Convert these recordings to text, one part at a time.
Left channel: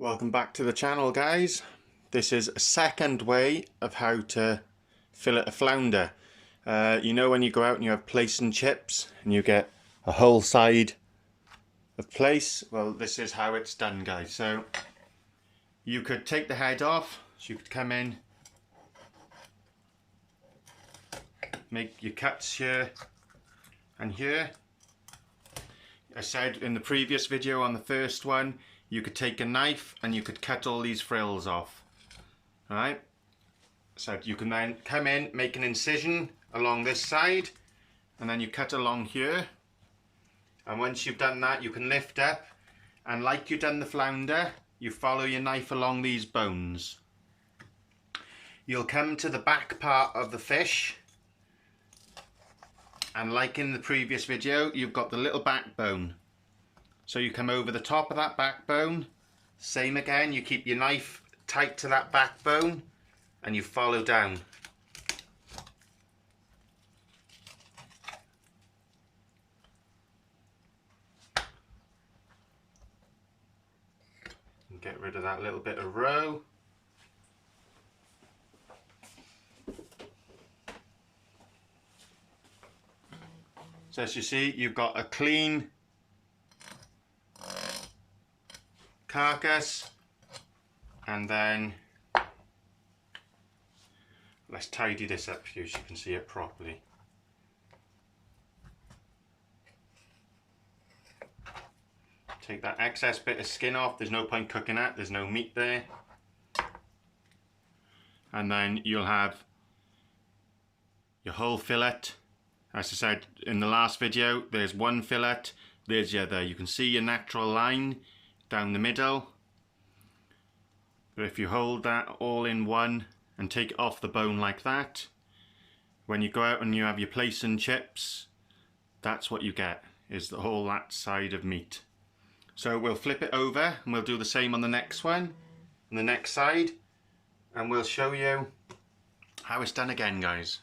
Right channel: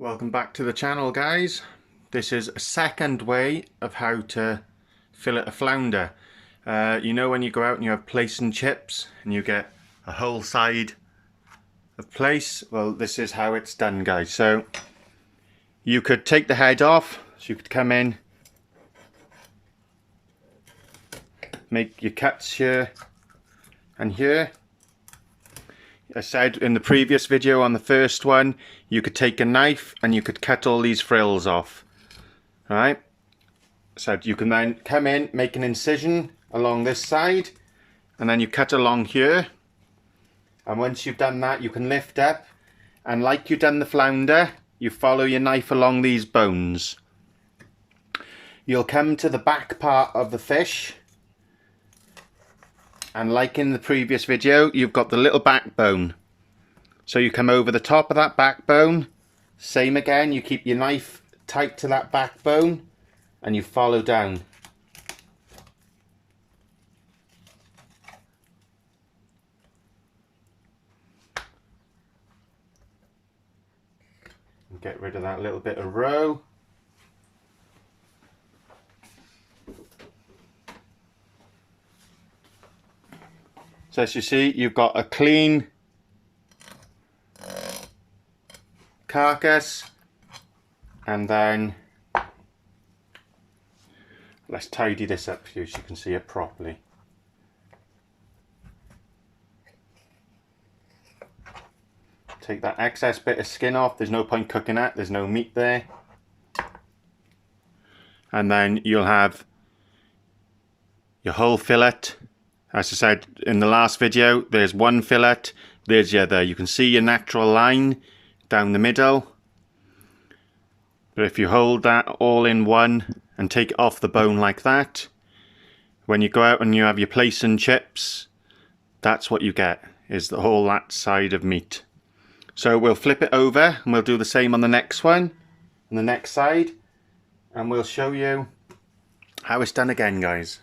Welcome back to the channel, guys. This is a second way of how to fillet a flounder. You know when you go out and you have plaice and chips and you get a whole side of plaice? Well, this is how it's done, guys. So you could take the head off, so you could come in, make your cuts here and here. I said in the previous video on the first one, you could take a knife and you could cut all these frills off. Alright, so you can then come in, make an incision along this side, and then you cut along here. And once you've done that, you can lift up, and like you've done the flounder, you follow your knife along these bones. You'll come to the back part of the fish, and like in the previous video, you've got the little backbone. So you come over the top of that backbone, same again, you keep your knife tight to that backbone and you follow down. And get rid of that little bit of roe. So as you see, you've got a clean carcass, and then let's tidy this up for you so you can see it properly. Take that excess bit of skin off, there's no point cooking that, there's no meat there. And then you'll have your whole fillet. As I said in the last video, there's one fillet, there's the other. You can see your natural line down the middle. But if you hold that all in one and take it off the bone like that, when you go out and you have your plaice and chips, that's what you get, is the whole that side of meat. So we'll flip it over and we'll do the same on the next one, on the next side, and we'll show you how it's done again, guys.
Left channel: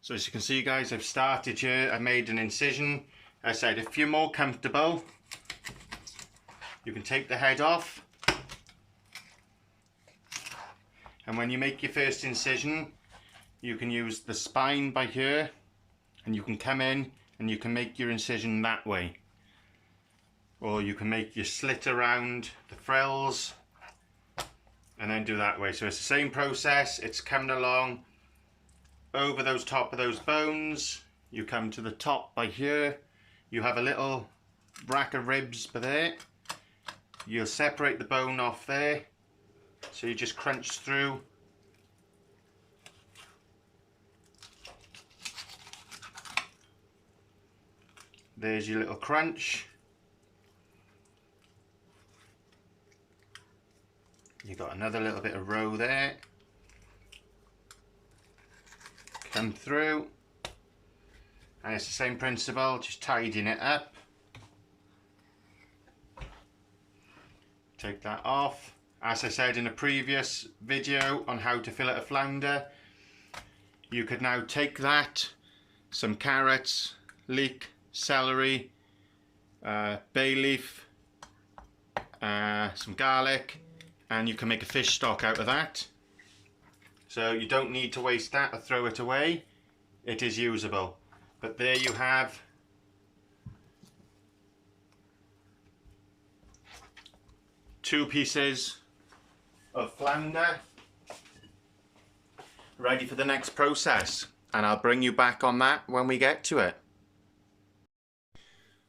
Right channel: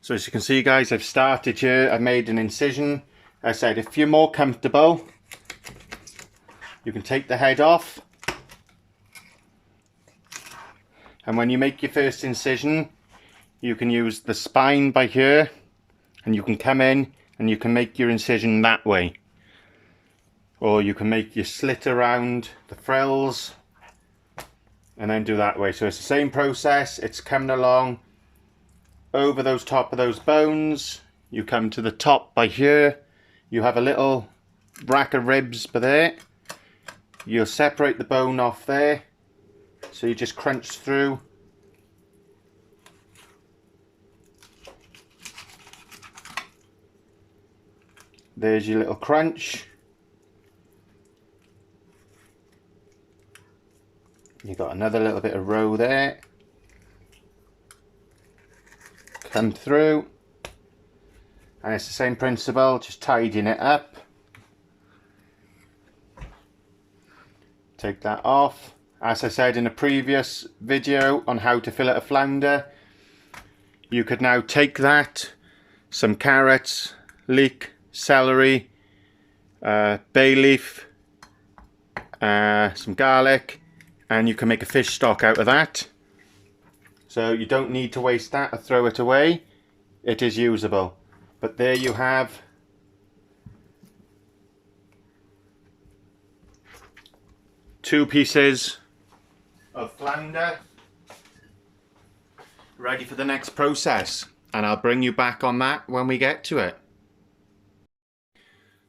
So as you can see, guys, I've started here, I've made an incision. I said if you're more comfortable, you can take the head off, and when you make your first incision, you can use the spine by here, and you can come in and you can make your incision that way, or you can make your slit around the frills and then do that way. So it's the same process, it's coming along over those top of those bones. You come to the top by here, you have a little rack of ribs by there. You'll separate the bone off there, so you just crunch through. There's your little crunch. You've got another little bit of roe there. Come through, and it's the same principle, just tidying it up. Take that off. As I said in a previous video on how to fillet a flounder, you could now take that, some carrots, leek, celery, bay leaf, some garlic, and you can make a fish stock out of that. So you don't need to waste that or throw it away. It is usable. But there you have two pieces of flounder ready for the next process, and I'll bring you back on that when we get to it.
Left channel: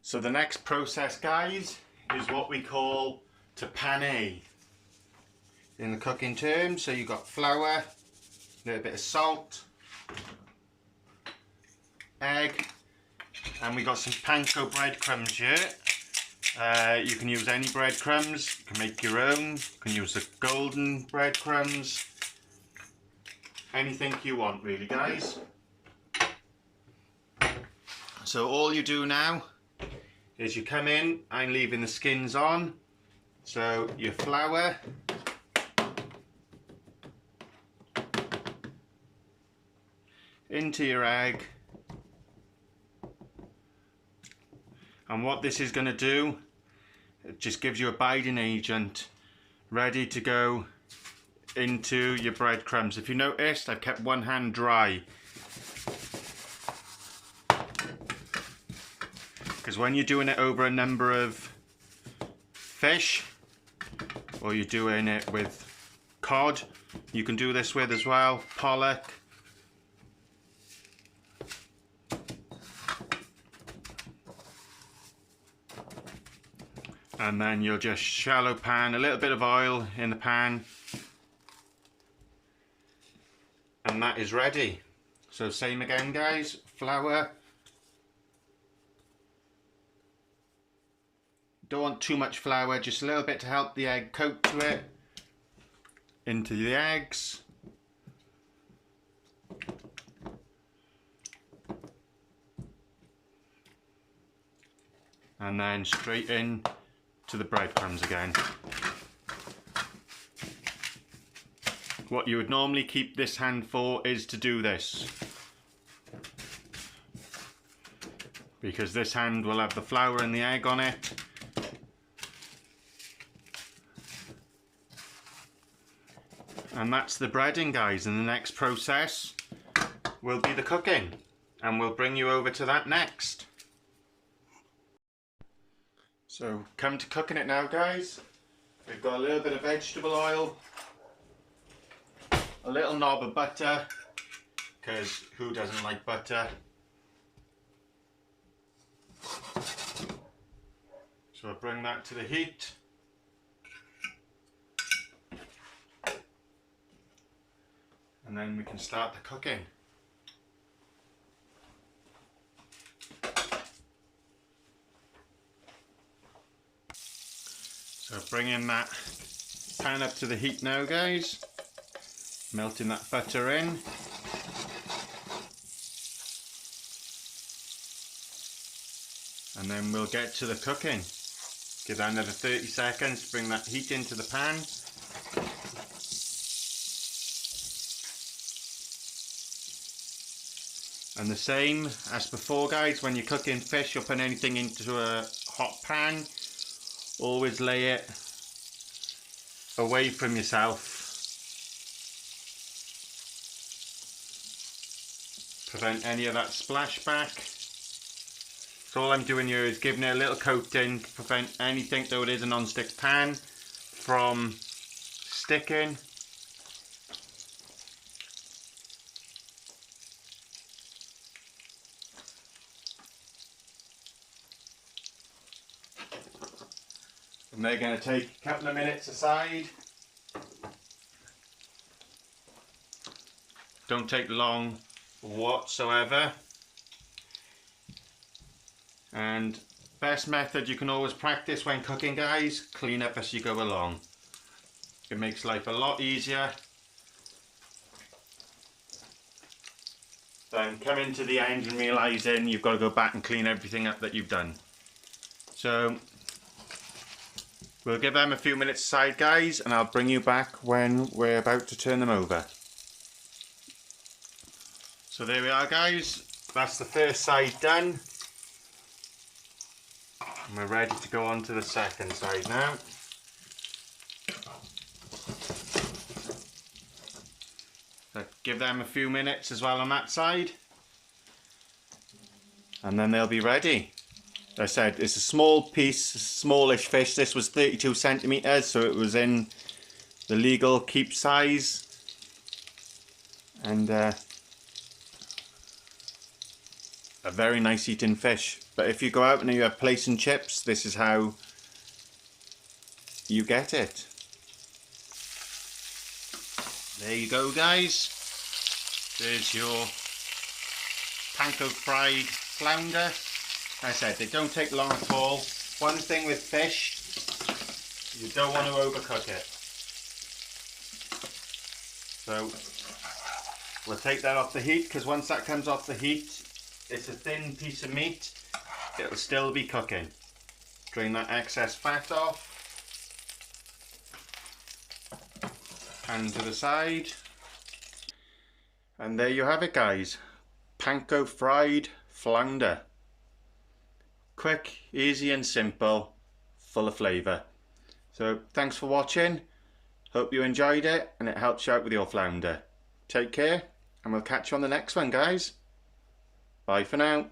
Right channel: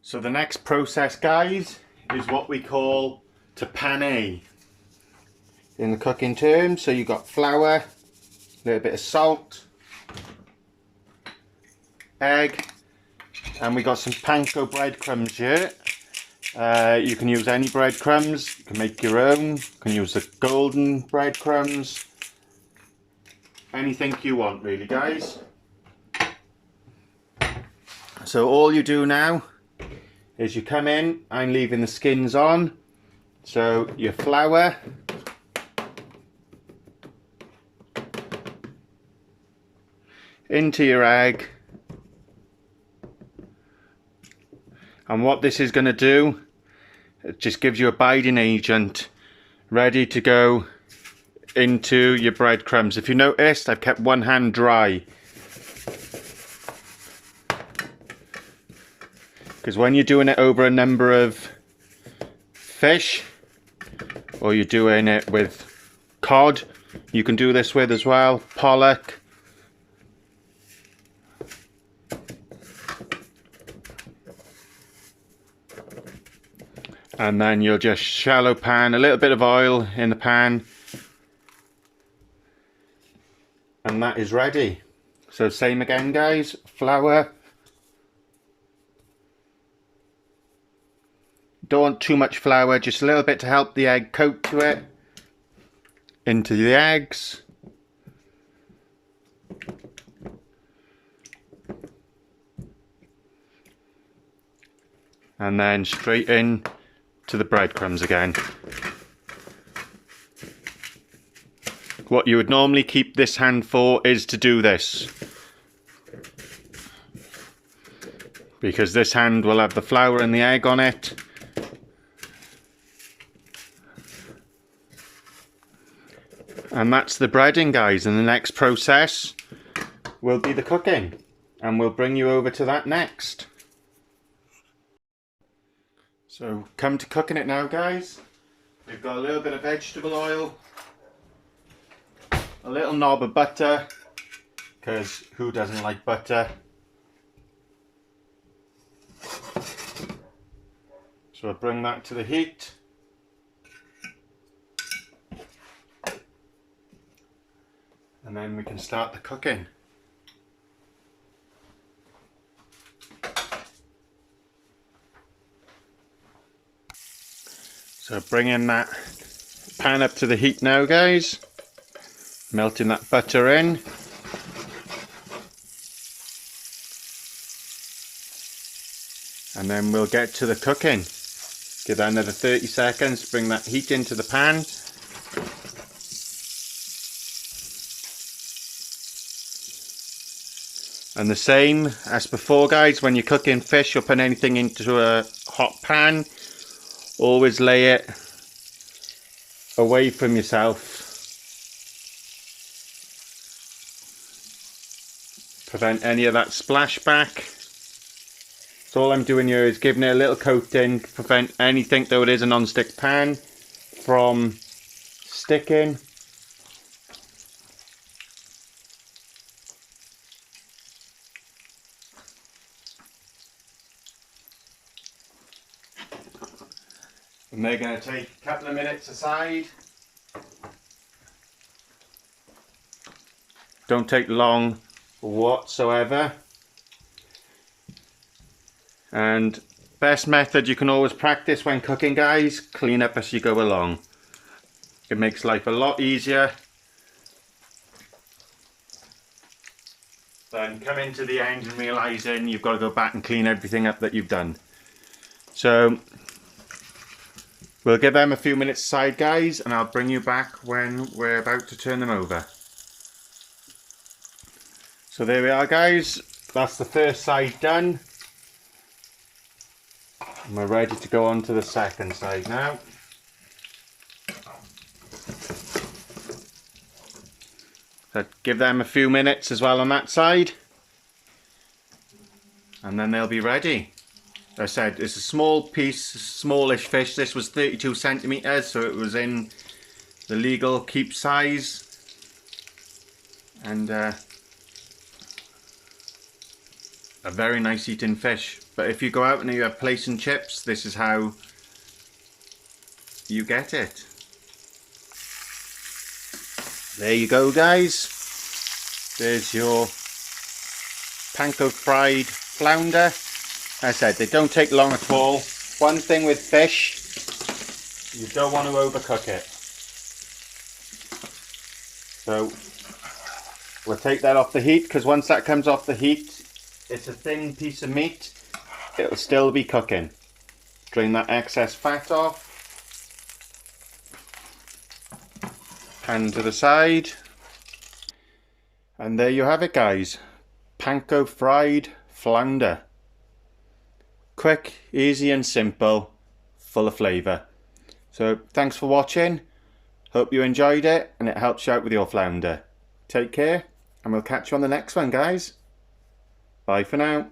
So the next process, guys, is what we call to pane in the cooking terms. So you've got flour, a little bit of salt, egg, and we got some panko breadcrumbs here. You can use any breadcrumbs, you can make your own, you can use the golden breadcrumbs, anything you want really, guys. So all you do now is you come in, I'm leaving the skins on, so your flour, into your egg, and what this is going to do It just gives you a binding agent ready to go into your breadcrumbs. If you noticed, I've kept one hand dry, because when you're doing it over a number of fish, or you're doing it with cod, you can do this with as well, pollock. And then you'll just shallow pan, a little bit of oil in the pan, and that is ready. So same again guys, flour. Don't want too much flour, just a little bit to help the egg coat to it. Into the eggs. And then straight in to the breadcrumbs again. What you would normally keep this hand for is to do this, because this hand will have the flour and the egg on it. And that's the breading guys, and the next process will be the cooking, and we'll bring you over to that next. So come to cooking it now guys. We've got a little bit of vegetable oil, a little knob of butter, because who doesn't like butter? So I'll bring that to the heat. And then we can start the cooking. So bringing that pan up to the heat now guys, melting that butter in. And then we'll get to the cooking. Give that another 30 seconds, bring that heat into the pan. And the same as before guys, when you're cooking fish or putting anything into a hot pan, always lay it away from yourself. Prevent any of that splashback. So all I'm doing here is giving it a little coating to prevent anything, though it is a non-stick pan, from sticking. And they're going to take a couple of minutes aside. Don't take long whatsoever. And best method you can always practice when cooking guys, clean up as you go along. It makes life a lot easier than coming to the end and realising you've got to go back and clean everything up that you've done. So we'll give them a few minutes aside guys, and I'll bring you back when we're about to turn them over. So there we are guys, that's the first side done. And we're ready to go on to the second side now. So give them a few minutes as well on that side, and then they'll be ready. As I said, it's a small piece, smallish fish. This was 32 centimeters, so it was in the legal keep size. And a very nice eating fish. But if you go out and you have plaice and chips, this is how you get it. There you go guys. There's your panko fried flounder. As I said, they don't take long at all. One thing with fish, you don't want to overcook it. So we'll take that off the heat, because once that comes off the heat, it's a thin piece of meat. It'll still be cooking. Drain that excess fat off. Pan to the side. And there you have it guys. Panko fried flounder. Quick, easy and simple. full of flavour. So thanks for watching. Hope you enjoyed it and it helps you out with your flounder. Take care and we'll catch you on the next one, guys. Bye for now.